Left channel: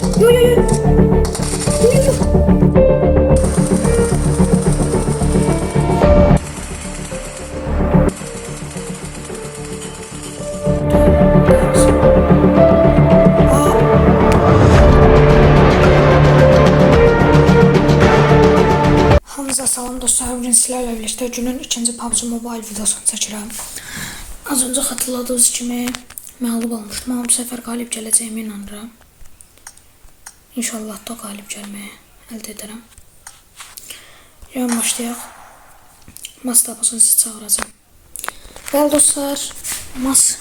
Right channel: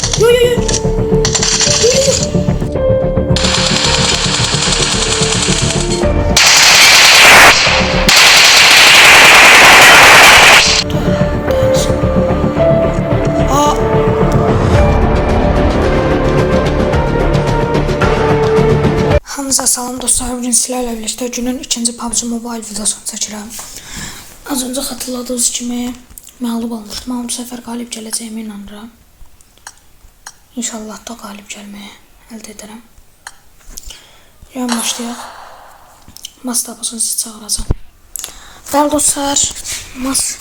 Yo yo yo. Yo yo yo. Aa. Hamınıza salam dostlar. Bugün sizlərlə birlikdə günün ikinci PUBG Mobile videosunu çəkirəm. Az öncə xatırladığınız kimi məğlub olmuşdum, amma bu səfər qalib gələcəyimə inanıram. İnşallah da qalib gəlməyə əldə edərəm. Yarın başlayaq. Mas tapılsın, sizi çağıracağım. Bəli dostlar, mas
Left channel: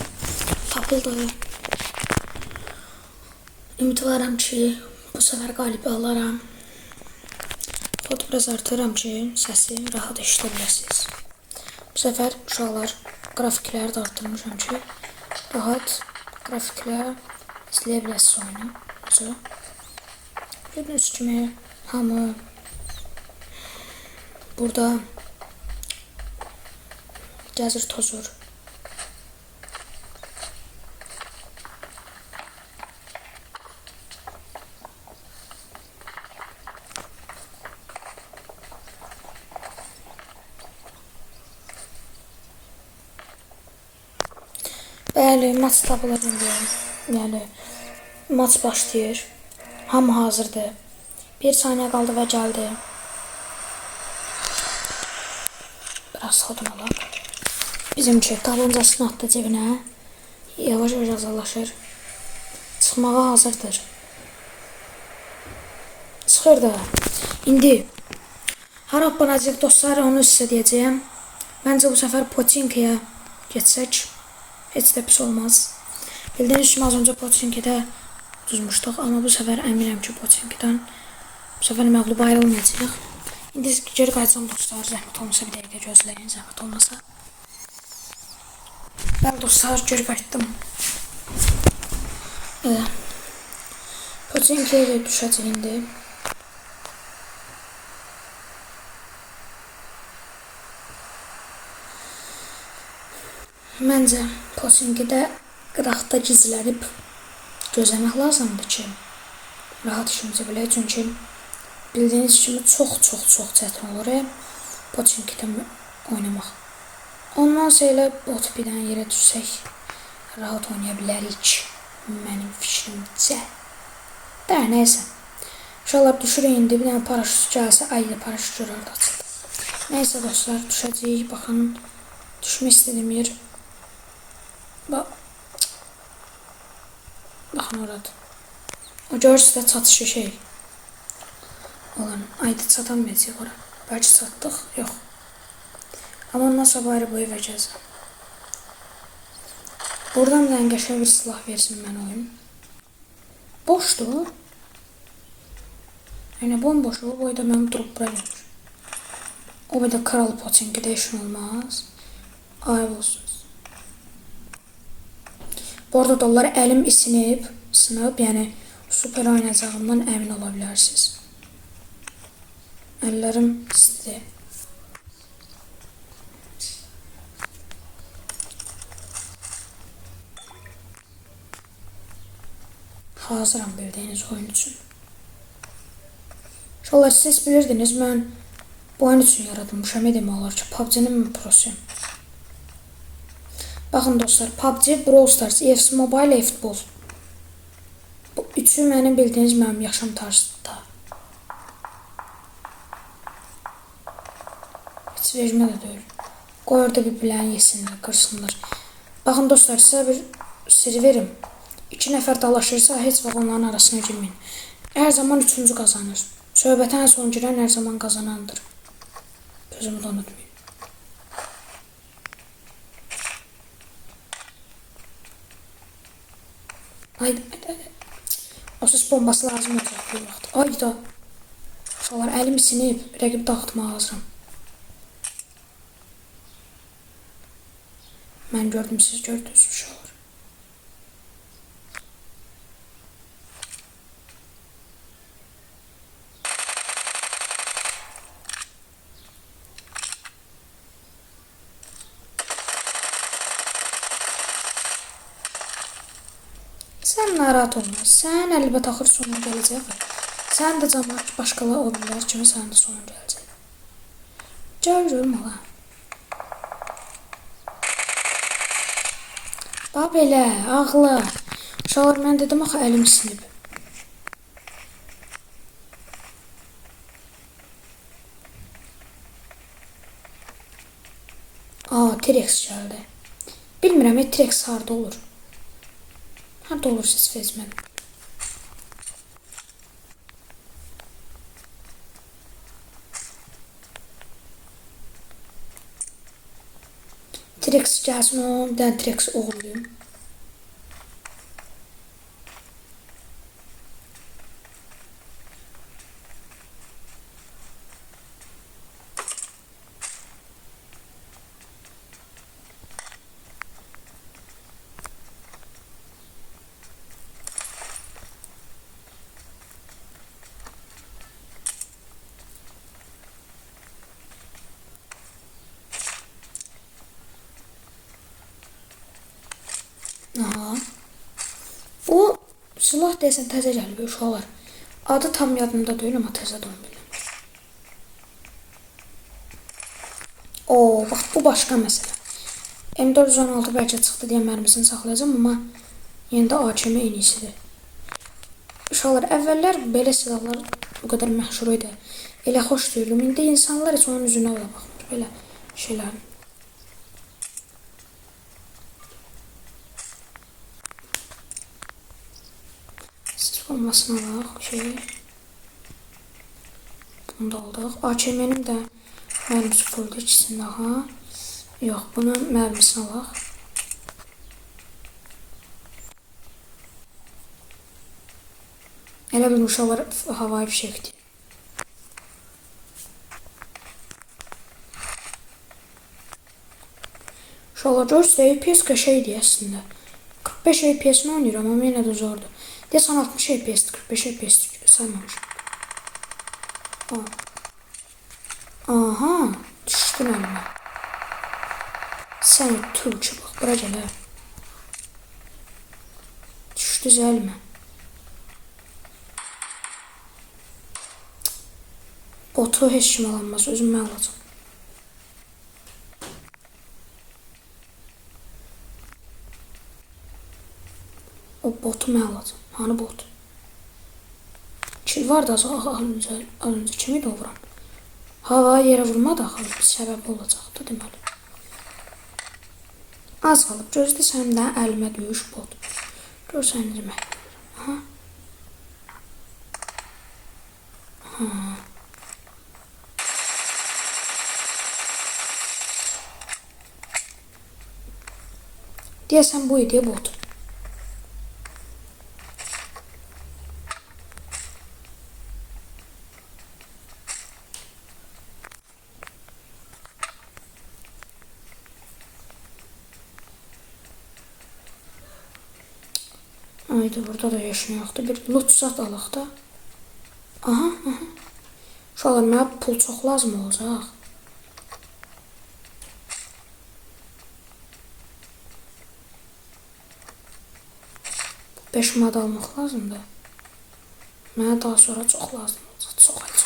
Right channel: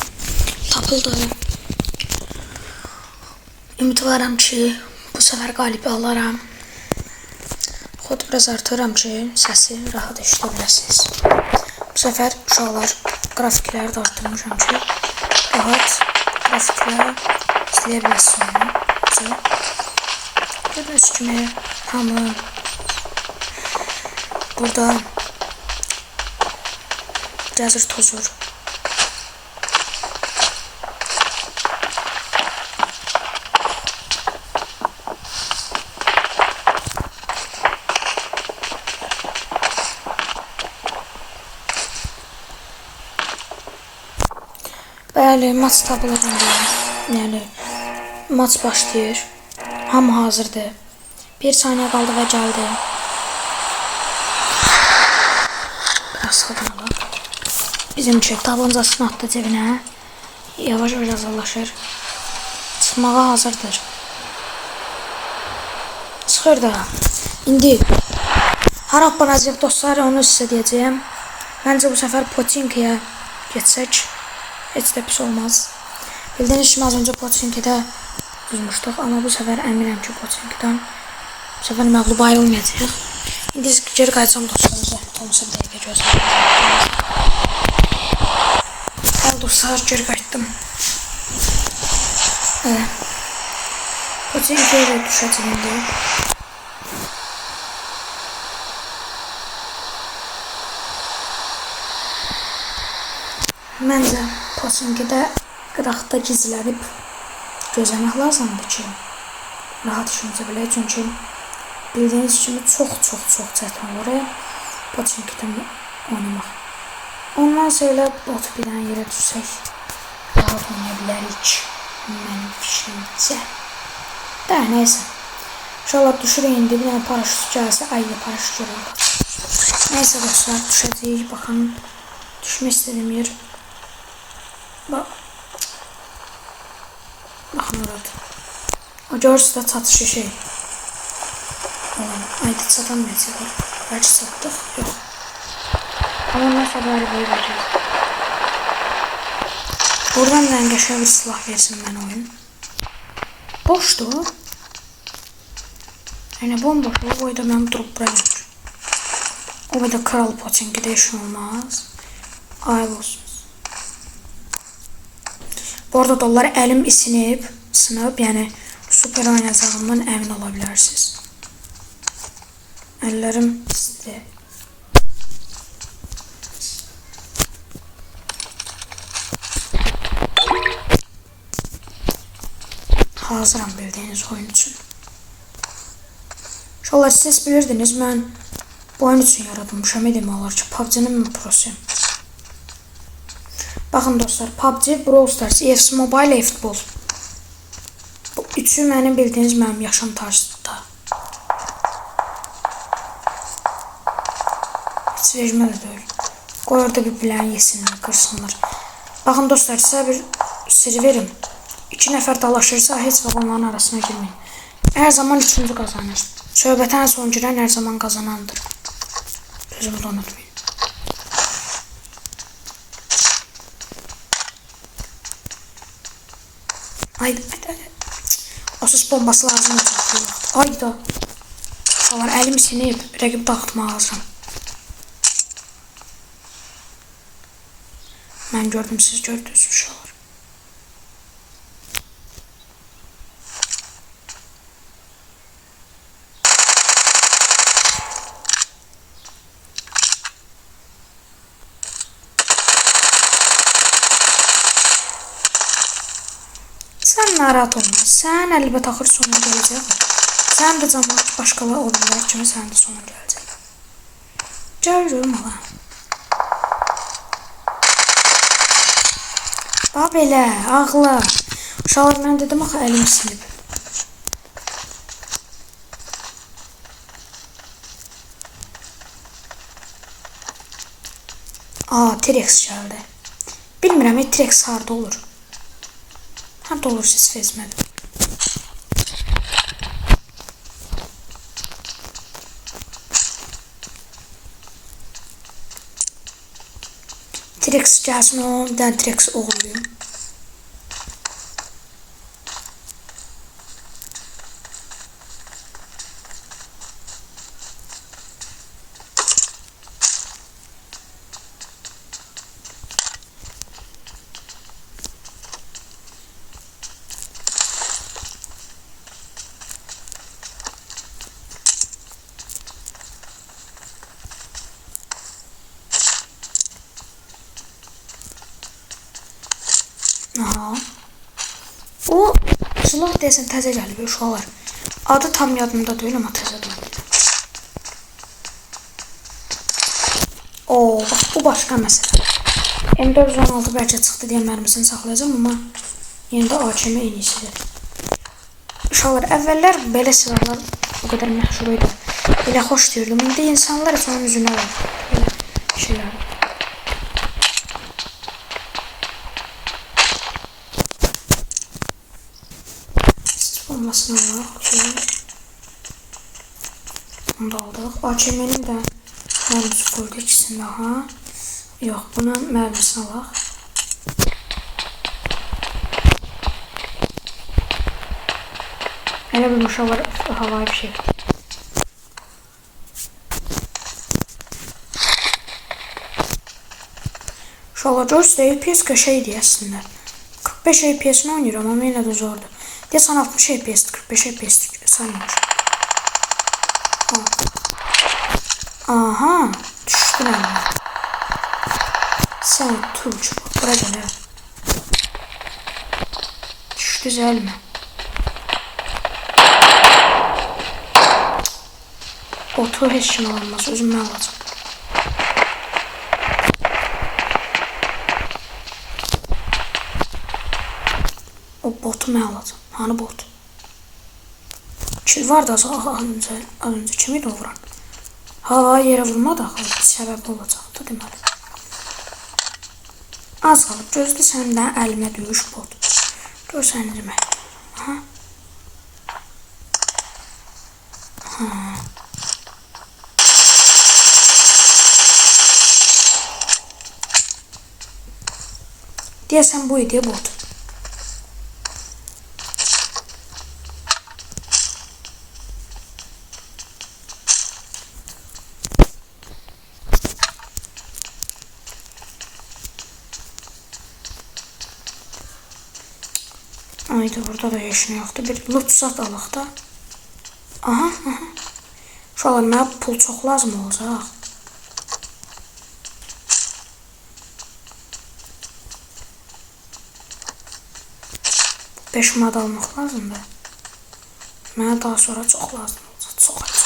tapıldı. Ümidvaram ki, bu səfər qalibi alaram. Xod biraz artıram ki, səsi rahat eşidə biləsiniz. Bu səfər uşaqlar qrafikləri də artırmışam ki, rahat grafiklə izləyə biləsiniz oyunu. Gördüyünüz kimi hamı burada gəzir tozur. Bəli, maç tapılır indi. Yəni maç başlayır. Hamı hazırdır. 1 saniyə qaldı və gəldi. Biraz sadım olaq. Bizimki tabancasını atdı cebinə. Yavaş-yavaş azallaşır. Çıxmağa hazırdır. Çıxır da. İndi hara aparacaq dostlar, onu sizə deyəcəyəm. Məncə bu səfər Poçinkiyə geçsək heç də pis olmaz. Bildiyiniz kimi az öncə Poçinkidə düzmüşdük, amma bu səfər əminəm ki, Poçinkidən bu səfər məğlub ayrılmayacaq. İndi geri qayıtsam dostlar, zəhmət olmasa bir dəqiqə gözləyəcəm. Bəli dostlar, geri qayıtdım. Poçinkiyə də düşəcək indi. Məncə Poçinkidə qıraqda gizlənib gözləmək lazımdır ki, rahat işimizi bilək. Çünki bildiyiniz kimi çox çətin olur Poçinkidə oynamaq. Ondan sonra bot bir dənə yerə düşsək rahat oynaya bilərik mənim fikrimcə. Də neysə. İnşallah düşürük indi, bir dənə paraşüt gəlsə, ayda paraşüt görək. Neysə dostlar, düşəcəyik. Baxın, düşmək istədiyim yer. Baxın orada. O görürsünüz də çatışı şey. Ayda çatamayacaq. Bəlkə çatdıq. Yox. Amma ondan sabahı boyu verəcəyiz. Buradan da qəşəng bir silah versin mənə oyun. Boşdur. Yəni bomboş. O boyda mənim durub bura gəlir. O boyda kral Poçinkidə işin olmaz. Ayıb olsun. Bu arada dollar əlim sınıb, yəni super oynayacağımdan əmin ola bilərsiniz. Əllərim istidir. Hazıram bildiyiniz oyun üçün. İnşallah siz bilirdiniz, mən bu oyun üçün yaradılmışam. Demək olar ki, PUBG-nin mən prosuyum. Baxın dostlar, PUBG, Brawl Stars, EFC Mobile, eFootball. Bu üçü mənim bildiyiniz mənim yaşam tarzıdır. Heç vecmə də deyil. Qoy orada bir bilən yesinlər, qırsınlar. Baxın dostlar, sizə bir sir verim. 2 nəfər dalaşırsa, heç vaxt onların arasına girməyin. Hər zaman üçüncü qazanır. Söhbətən son girən hər zaman qazanandır. Sözümü də unutmayın. Haydi. O ses bombası lazım olacaq bir vaxt. Hayda. Uşaqlar, əlim sinib, rəqib dağıtmağa hazıram. Mən gördüm, siz gördünüz uşaqlar. Sən narahat olma. Sən əlbəttə axır sonuna gələcək. Sən də cəmaət başqaları olurlar kimi sənin də sonun gələcək. Görürüm ala. Bax belə, ağla. Uşaqlar mən dedim axı əlim sinib. T-Rex gəldi. Bilmirəm, T-Rex harda olur. Harda olur siz fezmədim. T-Rex gəlsin, o bir dənə T-Rex oğluyum. Aha. O silah desən təzə gəlib uşaqlar. Adı tam yadımda deyil amma təzə deyil. Bax bu başqa məsələ. M416 bəlkə çıxdı deyə mərmisini saxlayacağam amma yenə də AKM en iyisidir. Uşaqlar əvvəllər belə silahlar o qədər məşhur idi. Belə xoş deyirdim. İndi insanlar heç onun üzünə alır. Belə şeylər. Olmasına var. Okay. Onu da aldık. AKM'nin de mərmisi fullda ikisini daha. Yox, buna mərmisini alaq. Elə bir uşaqlar havai fişəkdir. Uşaqlar görürsünüz, FPS qəşəngdir əslində. 45 FPS-ni oynayıram amma yenə də zordur. Deyəsən 60 FPS, 45 FPS saymamışam. Aha, düşdün əlimə. Sən Türk, bax, bura gəl, düşdü əlimə. Otu heç kim alanmaz, özüm mən alacam. O botu mən alacam. Hani bot? Kil var da az önce kimi də vuran? Hava yerə vurmadı axı, bir səbəbi olacaqdı deməli. Az qalıb, gözlə səndən əlimə döyüş bot. Görsən demək. Aha. Deyəsən bu idi bot. Haydi burada da yaşına yoxdur. Bir loot zat alaq da. Aha. Uşaqlar, mənə pul çox lazım olacaq. 5 mad almaq lazımdır. Mənə daha sonra çox lazım olacaq. Çox acı.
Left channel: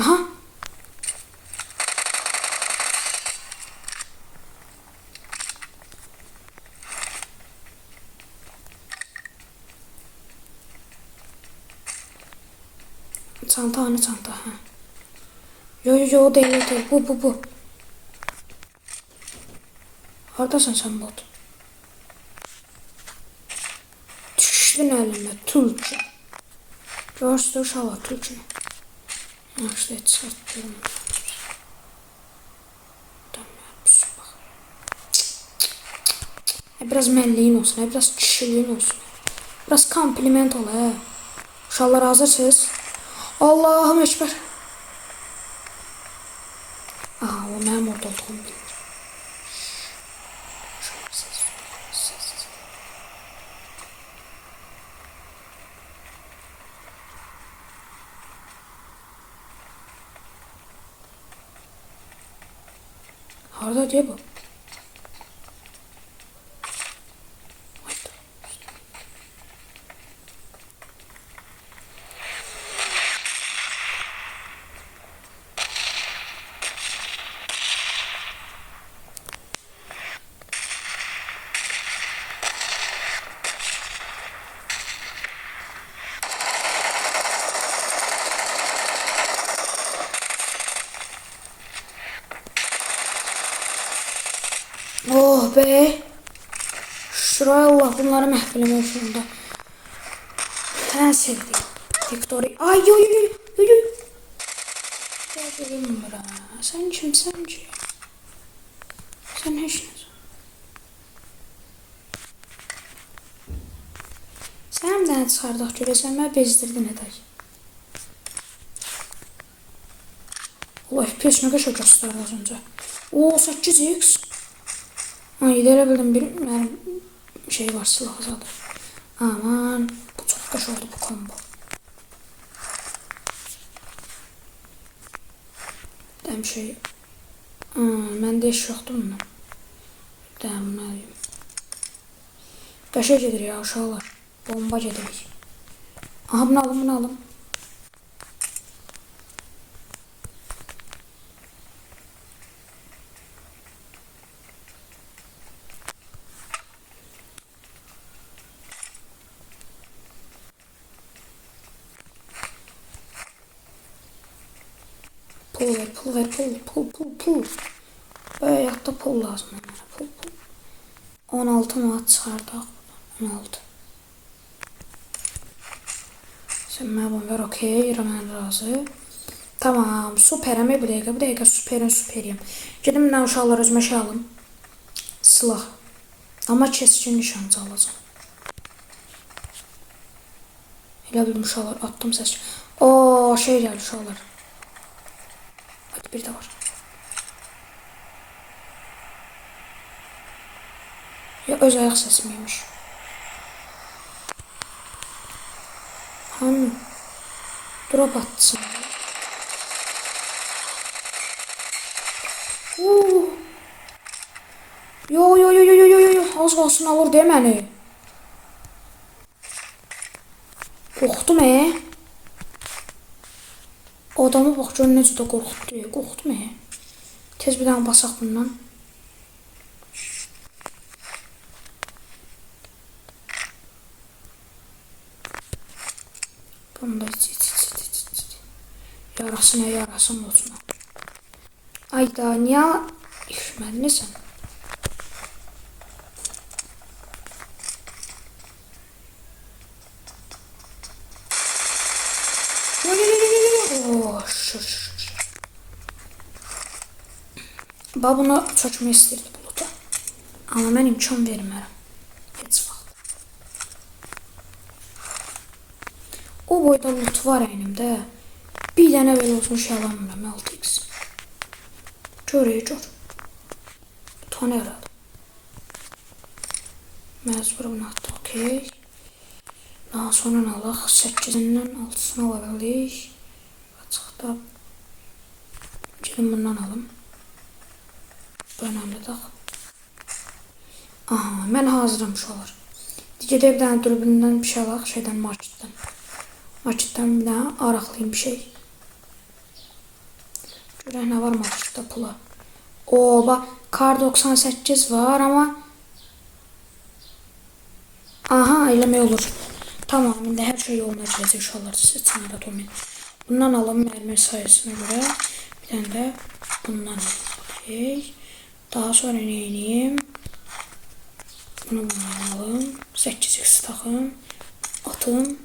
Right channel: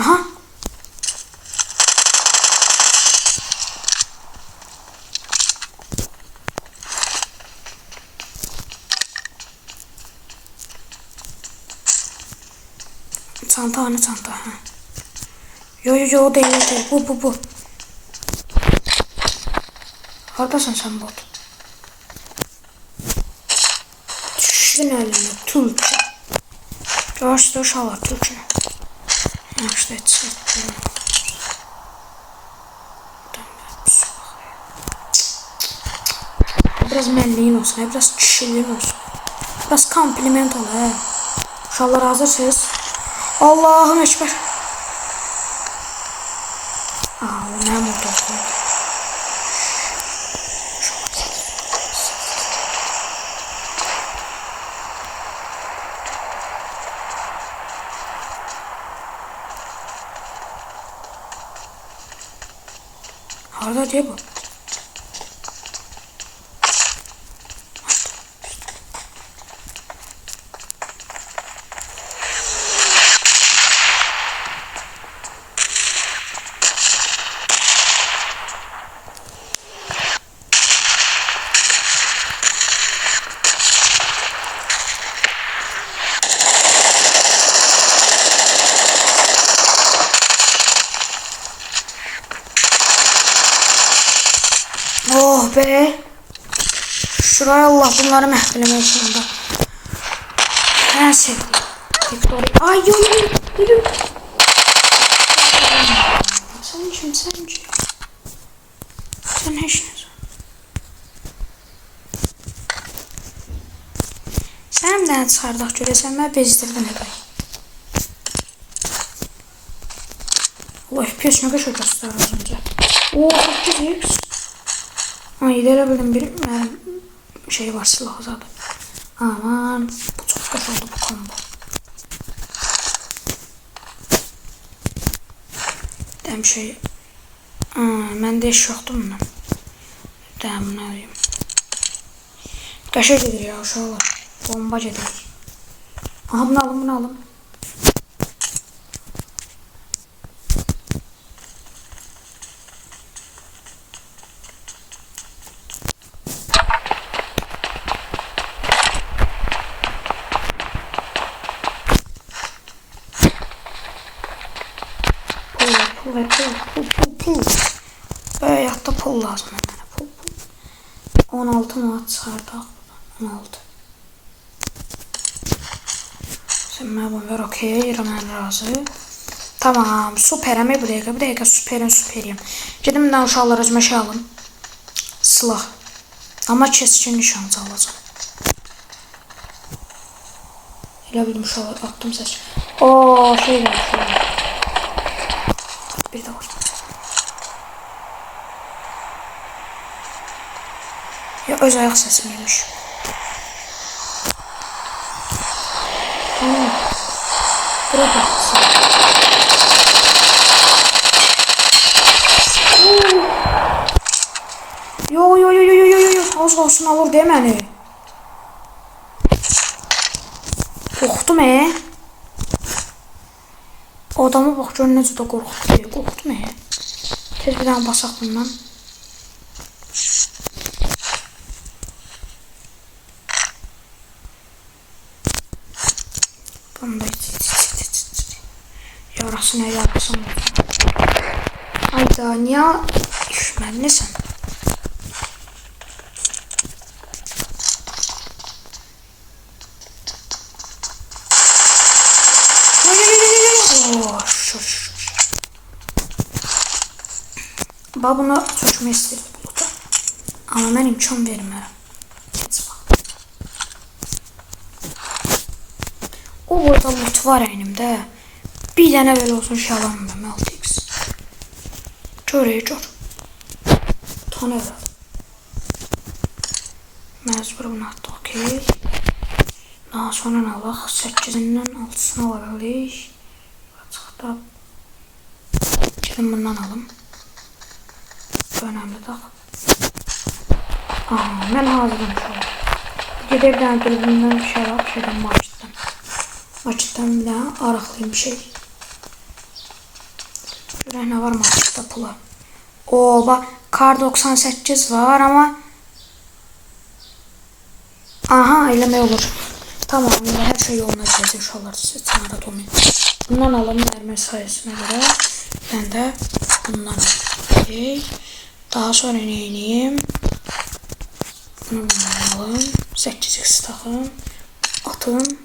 Aha. Çanta, hani çanta, ha. Yo o değil. Bu. Haradasın sen bot? Düşdün əlimə, Türkçe. Görürsünüz uşaqlar, Türkçe. Yaxşı, etsin. Biraz mənliyin olsun, biraz kişiliyin olsun. Biraz kompliment ol, hə. Uşaqlar hazırsınız? Allahım ekber. Aa, o mənim orada olsun. Harada diye bu. Oh be. Şuraya Allah bunları məhv sonunda. En sevdiğim. Victoria. Ay yo yo yo yo. Sen kim sen kim? Sen hiç ne? Sen de çıxardaq görəsən mən bezdirdin həqiqət. Allah FPS ne kadar göstərir az önce. Oo 8x. Ay elə bildim bir şey var silah zaten. Aman bu çok kaç oldu bu combo. Dem şey. Məndə iş yoxdur bundan. Dem bunu alayım. Qaşa gedir ya uşaqlar. Bomba gedir. Aha bunu alın bunu alın. Pul. Böyle yatta pul lazım hemen. Pul. 16 mat çıxardaq. 16. Sen mən ver okey. Mən razı. Tamam. Süperəm bu dəqiqə. Bu dəqiqə süperiyim. Gedim mən uşaqlar özümə şey alım. Silah. Ama keskin nişancı alacağım. Elə bildim uşaqlar. Attım səs. Ooo şey var. Bir de var. Ya öz ayak sesimiymiş. Bura baksın. Yo. Az kalsın alır değil mi? Korktum Adamı bak gör necə də qorxutdu. Tez bir dənə basaq bundan. Bunda yarasın olsun. Ayda niyə işməllisən? Babuna çökme istedi buluta. Ama ben imkan vermərəm. Heç vaxt. O boyda loot var əynimdə. Bir dənə belə olsun şalanmam 6x. Gör. Tane herhalde. Məcbur bunu atdı. Okey. Daha sonra alaq. 8-dən 6-sını alabilirik. Çıxdı. Gedim bundan alım. Önemli daha. Aha, ben hazırım şu an. Gedib bir dənə dürbündən bir şey var, Maçitdən bir dənə araqlayayım bir şey. Görək nə var maçitdə pula. Oo, bak kar 98 var ama aha, eləmək olur. Tamam, her şey yoluna girəcək uşaqlar, siz narahat olmayın. Bundan alalım mərmi sayısına göre. Ben de bundan alayım. Daha sonra ne edeyim? Bunu alın. 8x takın. Atın.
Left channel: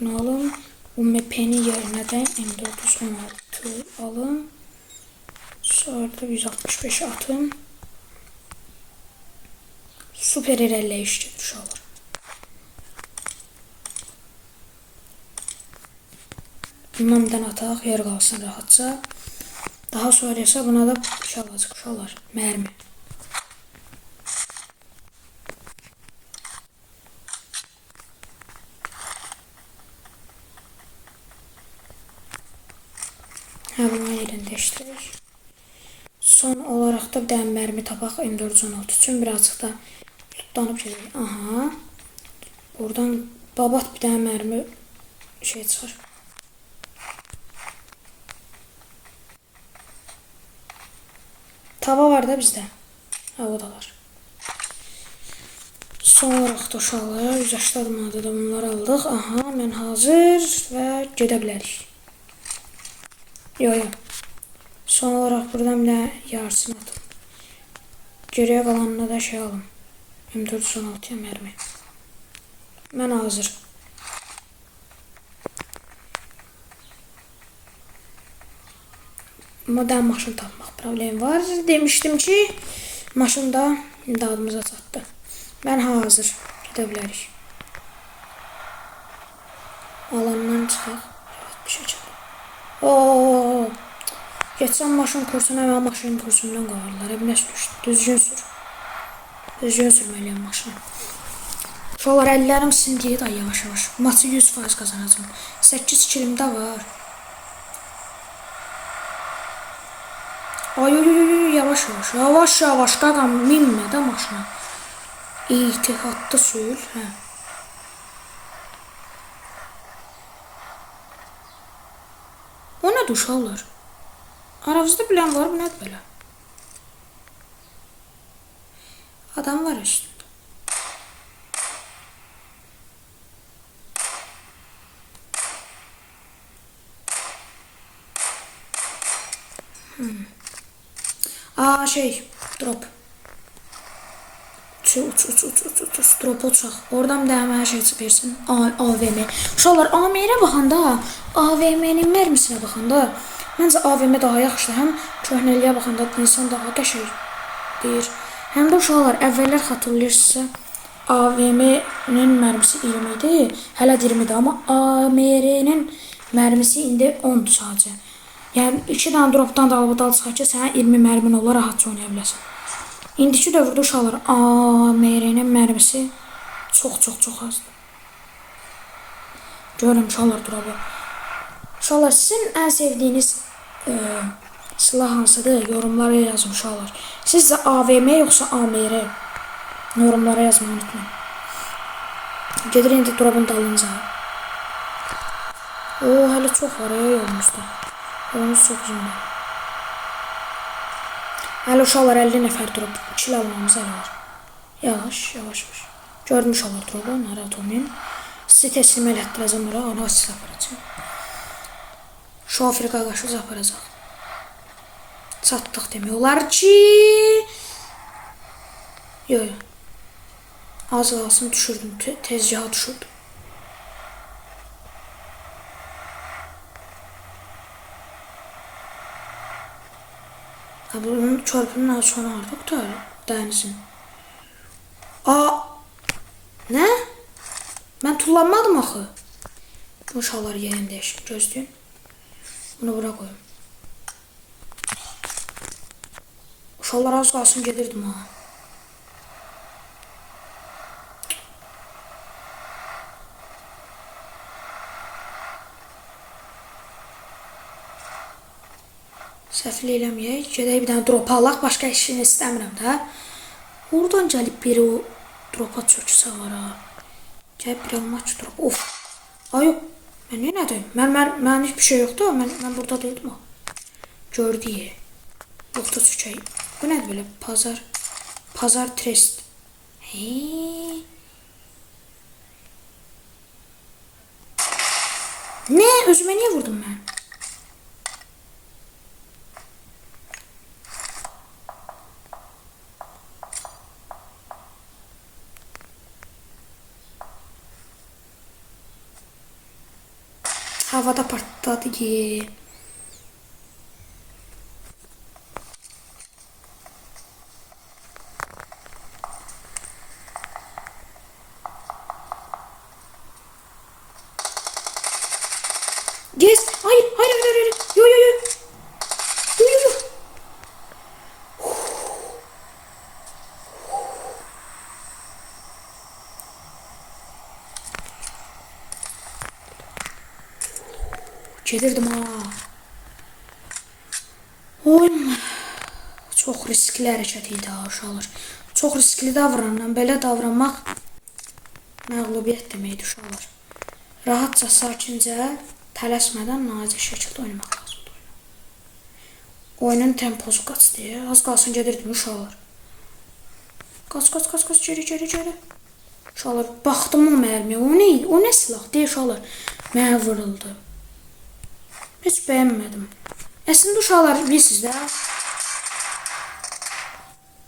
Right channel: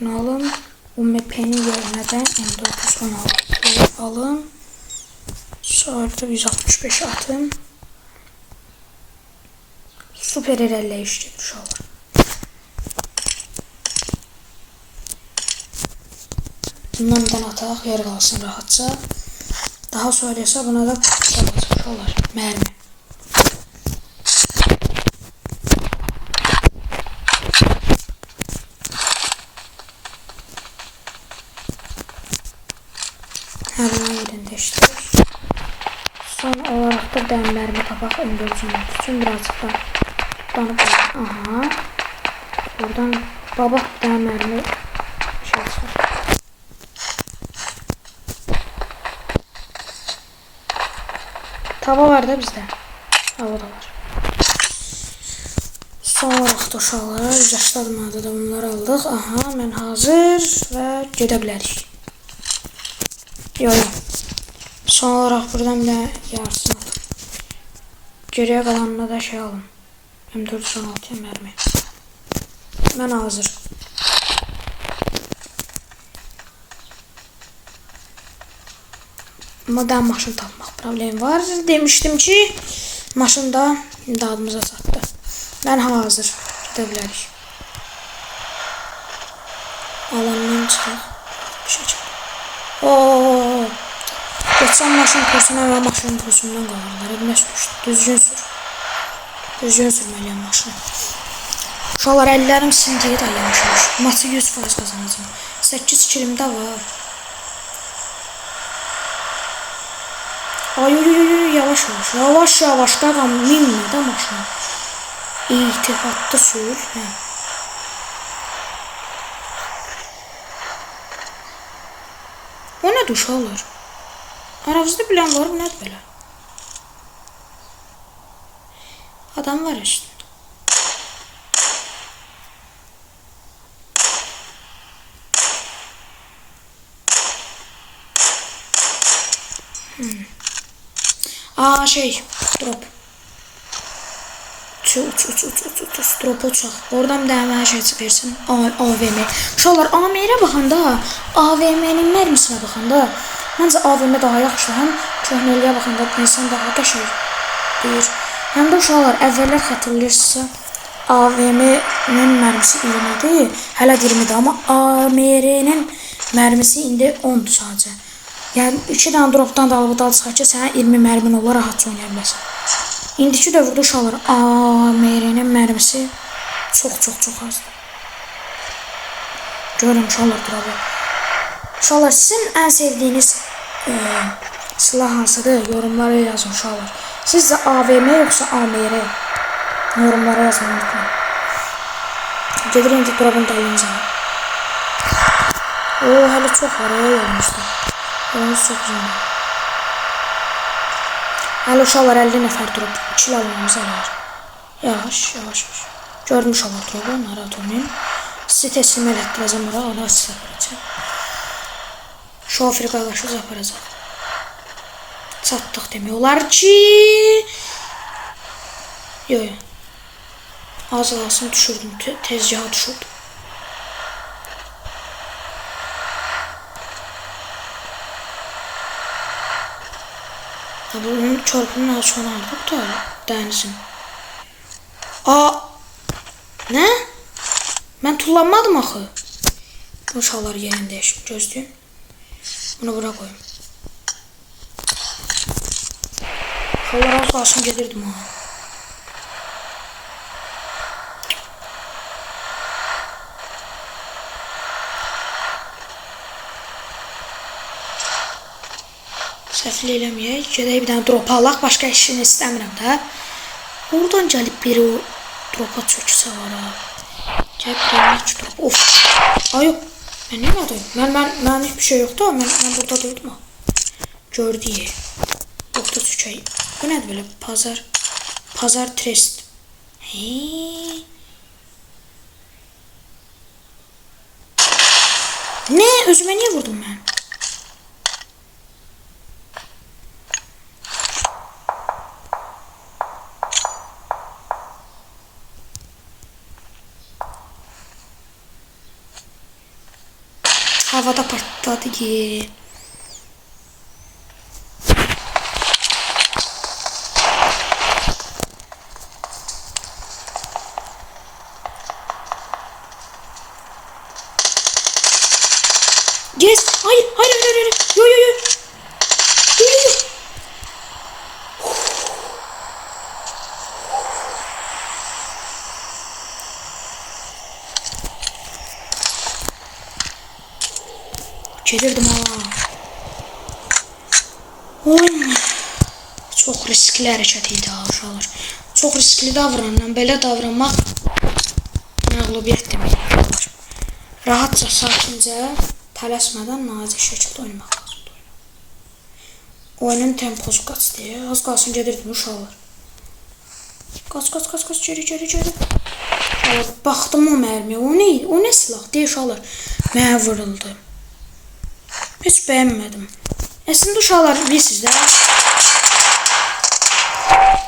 Bunu alın. UMP'nin yerine de M416 alın. Sonra da 165 atın. Süper ilerleyiş gelir şu an. Bundan ataq yer qalsın rahatça. Daha sonra ise buna da uşaqlar. Mermi. Hemen yerini değiştirir. Son olarak da dəmlərimi tapaq öldürücümüz üçün birazcık da tutlanıb qoyalım. Aha. Buradan babat bir tane mermi şey çıxır. Tava var da bizdə. Hava da var. Son olarak da uşaqlar 180 manada da bunları aldıq. Aha, mən hazır və gedə bilərik. Yox. Son olarak buradan bir de yarısını atın. Geriye kalanına da şey alın. M416'ya mermi. Ben hazır. Modern maşın tapmaq problemi var. Demiştim ki maşında imdadımıza çatdı. Ben hazır. Gedə bilərik. Alandan çıxaq. Bir şey çıxaq. Oo. Geçen maşın kursuna ve maşın kursundan qalırlar. Evimə sürüşdü. Düzgün sür. Düzgün sürməliyəm maşını. Uşaqlar əllərim sindiyi da yavaş-yavaş. Maçı 100% qazanacağım. 8 kilim də var. Ay yavaş-yavaş. Yavaş-yavaş qaqam minmə də maşına. İltifatlı sür. Hə. O nədir uşaqlar? Aranızda bilen var mı? Nədir belə? Adam var üstünde. Aa şey, drop. Uç, drop uçaq. Oradan bir də mənə şey versin. AVM. Uşaqlar, AVM-ə baxanda, AVM-nin mərmisinə baxanda, məncə AVM daha yaxşı. Həm köhnəliyə baxanda insan daha qəşəng deyir. Həm də uşaqlar, əvvəllər xatırlayırsınızsa, AVM-nin mərmisi 20 idi, hələ 20-dir. Amma AMR-nin mərmisi indi 10-dur sadəcə. Yəni 2 dənə dropdan da alıb dal çıxar ki, sənə 20 mərmin olar, rahatca oynaya biləsən. İndiki dövrdə uşaqlar AMR-nin mərmisi çox azdır. Görün uşaqlar drop'u. Uşaqlar, sizin ən sevdiyiniz silah hansıdır? Yorumlara yazın uşaqlar. Sizcə AVM yoxsa AMR? Yorumlara yazmayı unutmayın. Gedir indi drop'un dalınca. Oo, hələ çox var yolumuzda. Yolumuz çox uzundur. Hələ uşaqlar 50 nəfər drop. 2 almamız hələ var. Yavaş. Gördüm uşaqlar drop'u, narahat olmayın. Sizi teslim elətdirəcəm ora, ona silah aparacaq. Şoför qardaşımız aparacaq. Çatdıq demək olar ki... Yox. Az qalsın düşürdüm, tezgaha düşürdüm. Bunun çarpının açığını aldık da dənizin. Aa! Nə? Mən tullanmadım axı. Uşaqlar yerini dəyişim, gözləyin. Bunu bura koyayım. Uşaqlar az qalsın gedirdim ha. Səhvli eləməyək. Gedək bir dənə drop alaq. Başqa işini istəmirəm də. Oradan gəlib biri o dropa çöksə var ha. Gəlib biri drop. Of. Ay yox. Mən nə dedim? Mən hiçbir şey yoxdur. Mən burada dedim ha. Gördüyü. Yoxda çökək. Bu nədir belə? Pazar trest. Hey. Nə? Özümə niyə vurdum mən? Havada patladı ki. Yes. Hayır. Yo. Gedirdim ha. Oyun çox riskli hərəkət idi ha uşaqlar. Çox riskli davranılan, belə davranmaq məğlubiyyət deməkdir uşaqlar. Rahatca, sakincə, tələsmədən nazik şəkildə oynamaq lazımdır oyunu. Oyunun temposu qaçdı. Az qalsın gedirdim uşaqlar. Qaç, geri. Uşaqlar, baxdım o mərmiyə. O nə silah deyə uşaqlar. Mənə vuruldu. Heç bəyənmədim. Əslində uşaqlar bilirsiniz də.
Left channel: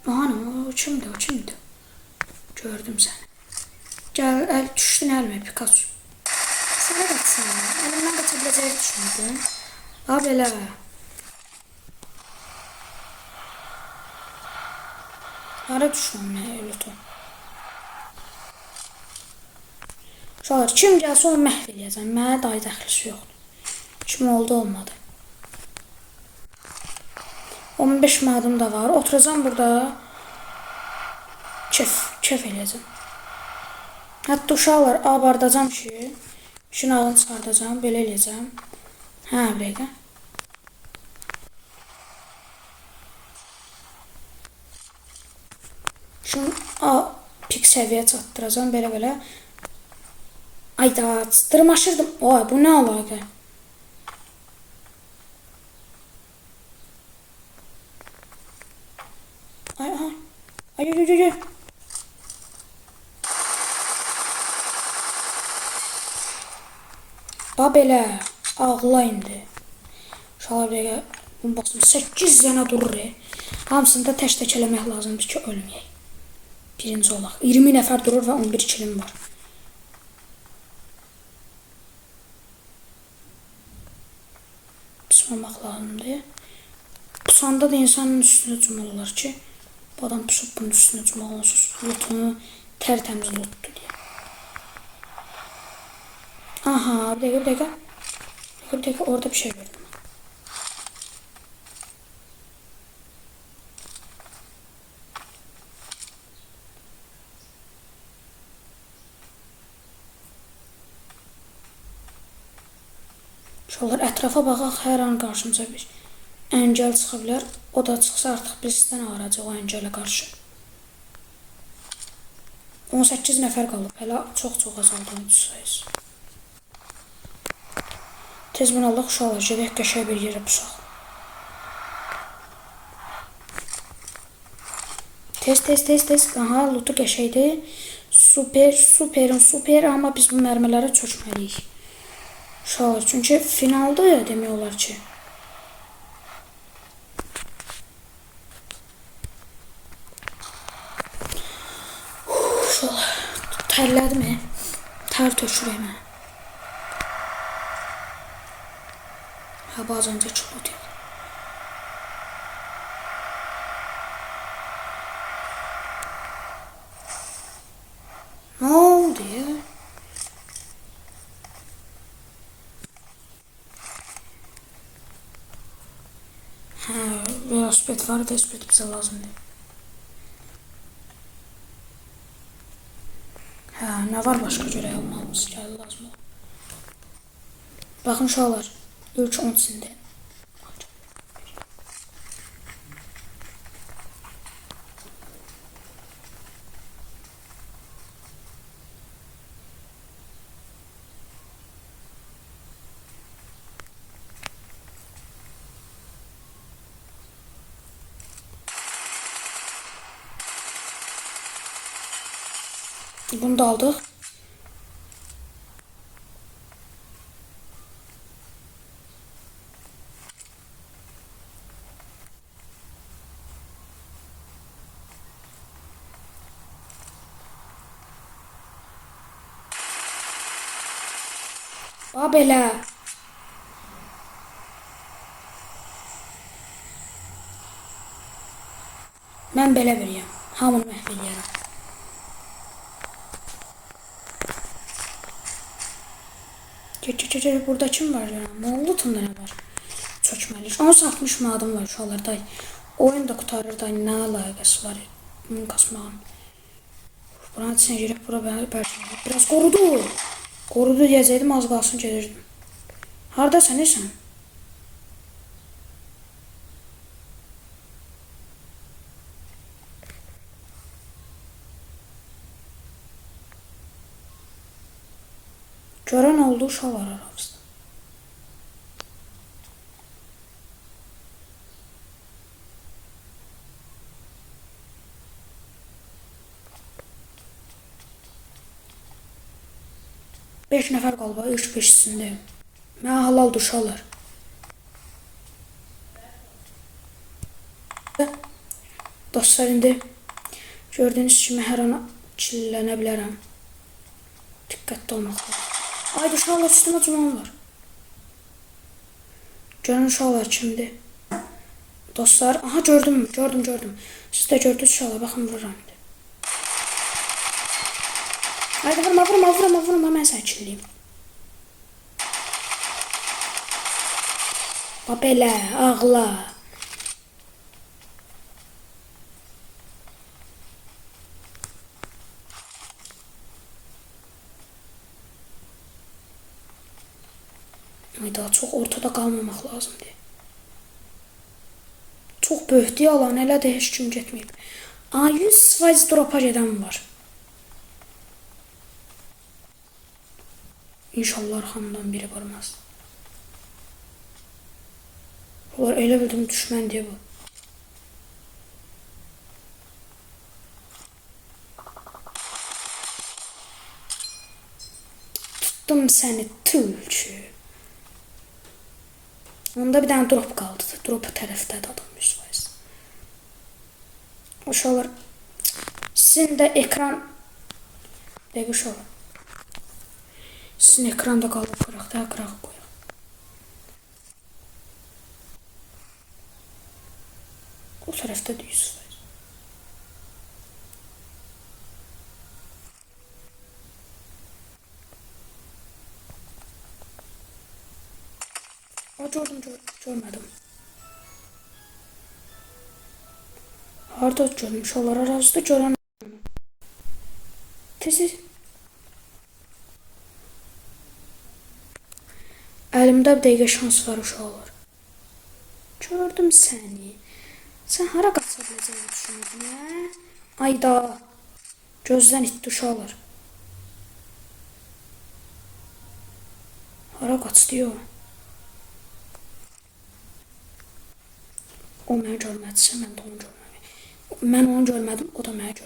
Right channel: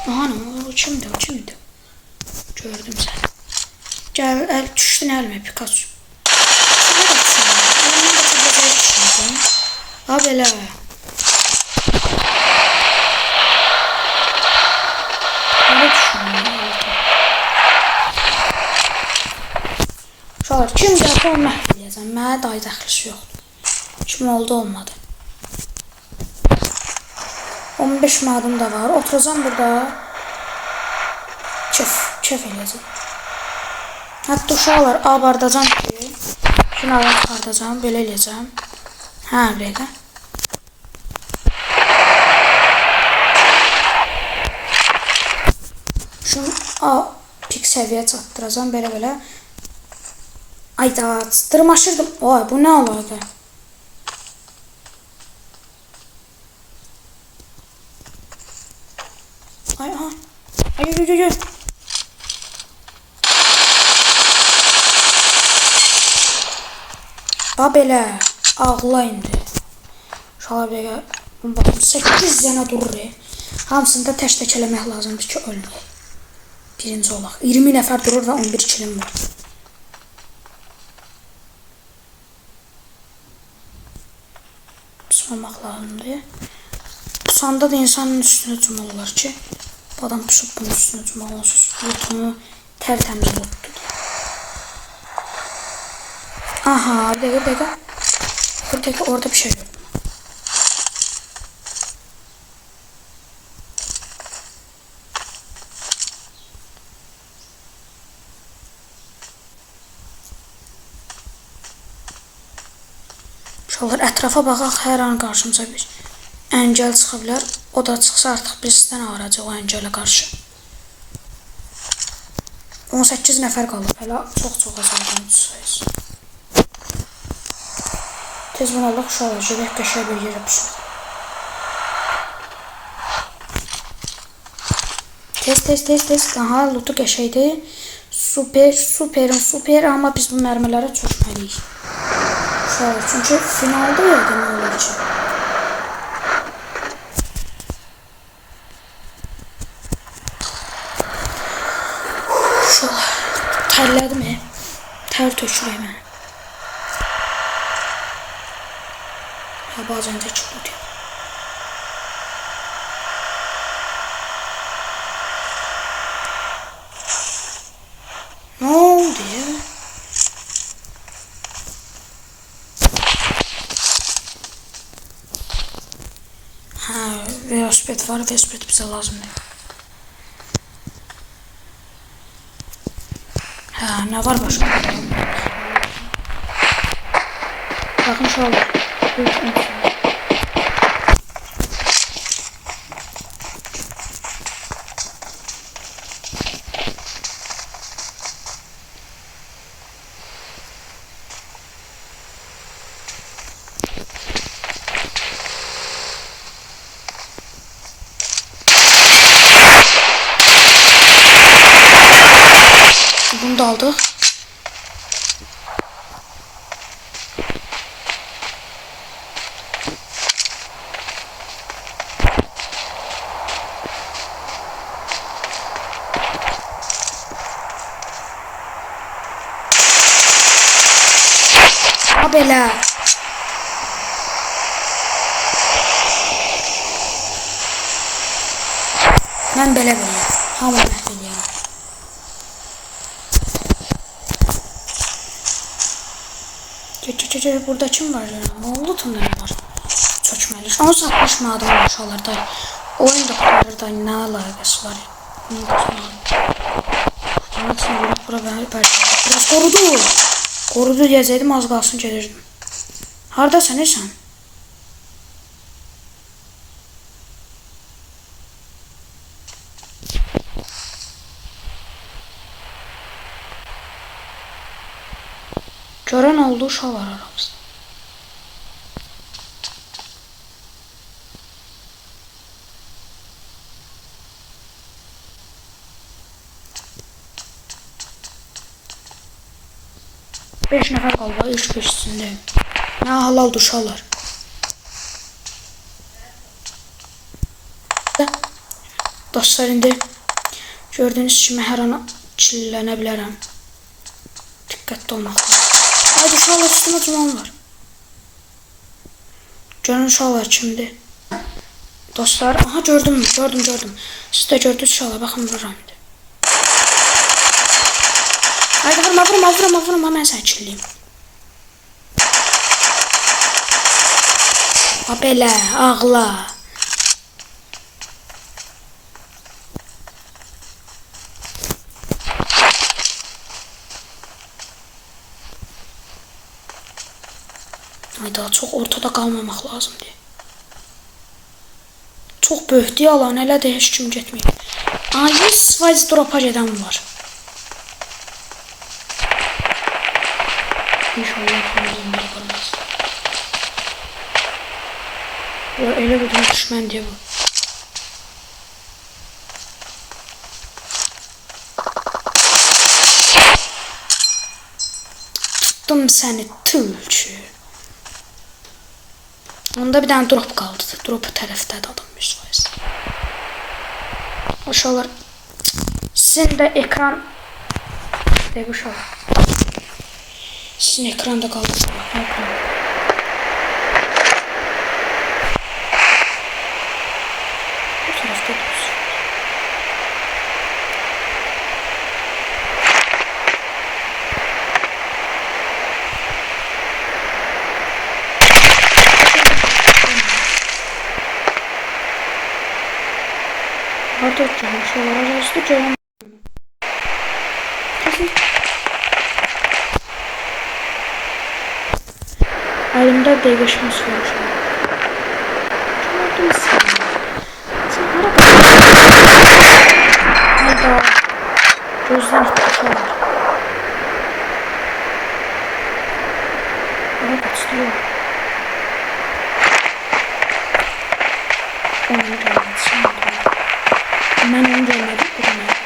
Aha, o kimdir? Gördüm səni. Gəl, düşdün əlimə Pikachu. Şuna da düşünürəm. Əlimdən də çəbiləcəyi düşünürdüm. Ha, belə. Öyle düşünürüm. Uşaqlar, kim gəlsə onu məhv edəcəm. Mənə dayı dəxlisi yoxdur. Kim oldu, olmadı. 15 mədim da var. Oturacam burada. Kef eləyəcəm. Hətta uşaqlar abardacam ki, şunlardan çıxardacam, belə eləyəcəm. Hə, belə. Şunu pik səviyyə çatdıracam, belə. Ayda, dırmaşırdım. Oy, bu nə əlaqə? Ay. Ha, belə. Ağla indi. Uşaqlar, belə. Bunu baxım, 8 dənə durur. Hamısını da tək eləmək lazımdır ki, ölməyək. Birinci olaq. 20 nəfər durur və 11 kilim var. Pusmamaq lazımdır. Pusanda da insanın üstünə cumurlar ki, bu adam pusub bunun üstünə cumur. Onsuz lutunu tərtəmiz lutdur. Aha, bir dəqiqə. Orada bir şey gördüm. Uşaqlar, ətrafa baxaq, hər an qarşımıza bir əngəl çıxa bilər. O da çıxsa artıq birisindən ağıracaq o əngələ qarşı. 18 nəfər qalıb. Hələ çox azaldan sayız. Tez bunu alaq uşaqlar, gedək qəşəng bir yerə pusaq. Tez. Aha, lutu qəşəngdir. Super. Amma biz bu mərmilərə çökməliyik. Uşaqlar, çünki finalda ya demək olur ki. Uşaqlar, tərlədim. Tər tökürək mənə. Ya, bazen də çıldı deyil. Nə oldu ya? Velosiped var, velosiped bizə lazımdır. Hə, nə var başqa? Baxın uşaqlar, ilk öncəsində. Bunu da aldık. Ha, belə. Mən belə bilirəm. Hamı məhv eləyərəm. Burada kim var ya? Moğlutumda ne var? Çökmeli. Ama satmışım adım var uşaqlar da. Oyun da qutarır da nə əlaqəsi var? Bunu qısmalı. Bana üçün yürək bura bəlkə. Biraz qorudu deyəcəkdim, az qalsın gedirdim. Hardasan sən? Görən oldu uşaqlar aramızda. Beş nəfər qaldı, üç beşisindəyim. Nə halaldır uşaqlar. Dostlar, indi gördüyünüz kimi hər an çillənə bilərəm. Diqqətli olmaq lazım. Haydi uşaqlar, üstümə cuman var. Görün uşaqlar kimdir? Dostlar, aha gördüm. Siz də gördünüz uşaqlar, baxın vururam indi. Haydi vurma, mən səni killiyim. Belə, ağla. Daha çox ortada qalmamaq lazımdır. Çox böyükdür yalan, elə də heç kim getməyib. 100% dropa gedən var. İnşallah kanalım biri qırmaz. Elə bildim düşmən deyə bu. Tuttum səni tülçü. Onda bir dənə drop qaldı. Dropu tərəfdədir adam 100%. Uşaqlar, sizin də ekran... Deyək uşaqlar. Sizin ekranda qaldı. Bu tərəfdə dursun. Harda görmüş olar arasında görəm. Kesin. Əlimdə dəqiqləşməsi var uşaqlar. Gördüm səni. Sən hara qaçdın? Hayda. Gözdən itdi uşaqlar. Hara qaçdı yox. Onu görmədiyəm. Mən onu görmədim, o da mənim.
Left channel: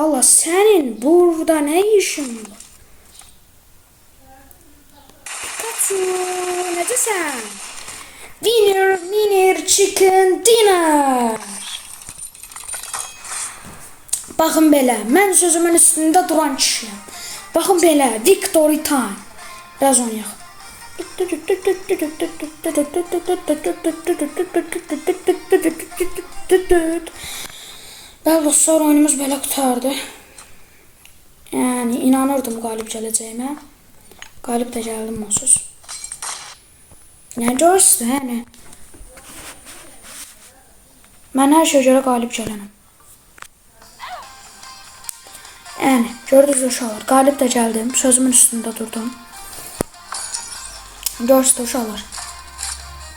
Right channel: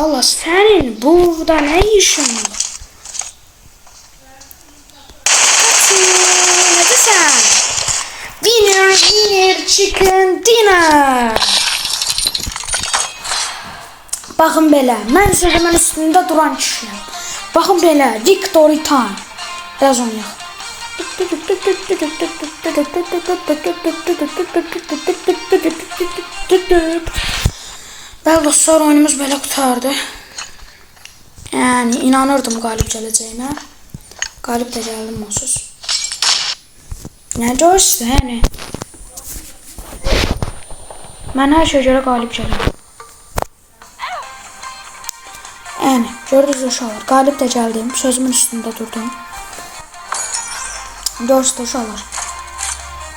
Allah, senin burada ne işin var? Ne desen? Winner chicken dinner. Bakın belə, mən sözümün üstündə duran kişiyəm. Bakın belə, victory time. Biraz oynayaq. Bəli dostlar, oyunumuz belə qutardı. Yəni inanırdım qalib gələcəyimə. Qalib də gəldim onsuz. Yəni görürsünüz, yəni. Mən hər şeyə görə qalib gələm. Yəni gördünüz uşaqlar, qalib də gəldim. Sözümün üstündə durdum. Görürsünüz uşaqlar.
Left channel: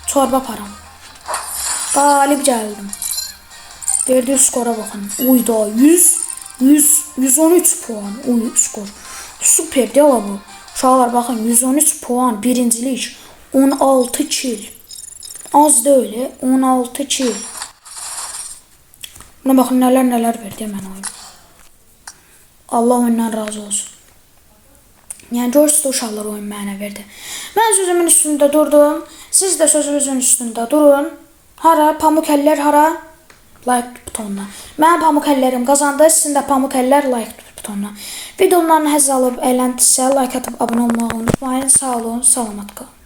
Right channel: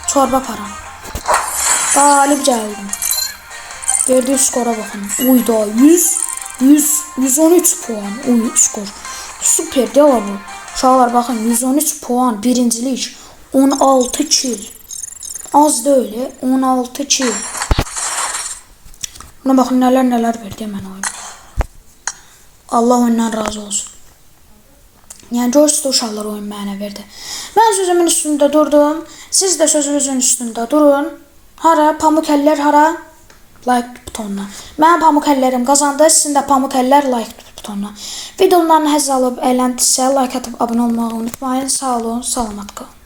Çorba param. Qalib gəldim. Verdiği skora bakın. Uyda 113 puan. Uy skor. Süper değil bu. Uşaqlar bakın 113 puan birincilik. 16 kill. Az da öyle. 16 kill. Buna bakın neler verdi hemen oyun. Allah ondan razı olsun. Yani görürsünüz uşaqlar oyun mənə verdi. Ben sözümün üstünde durdum. Siz de sözünüzün üstünde durun. Hara? Pamuk eller hara? Like butonuna. Mənim pamuk əllərim qazandı. Sizin də pamuk əllər like butonuna. Videolarını həzz alıb əyləndisə like atıb abunə olmağı unutmayın. Sağ olun, salamat qalın.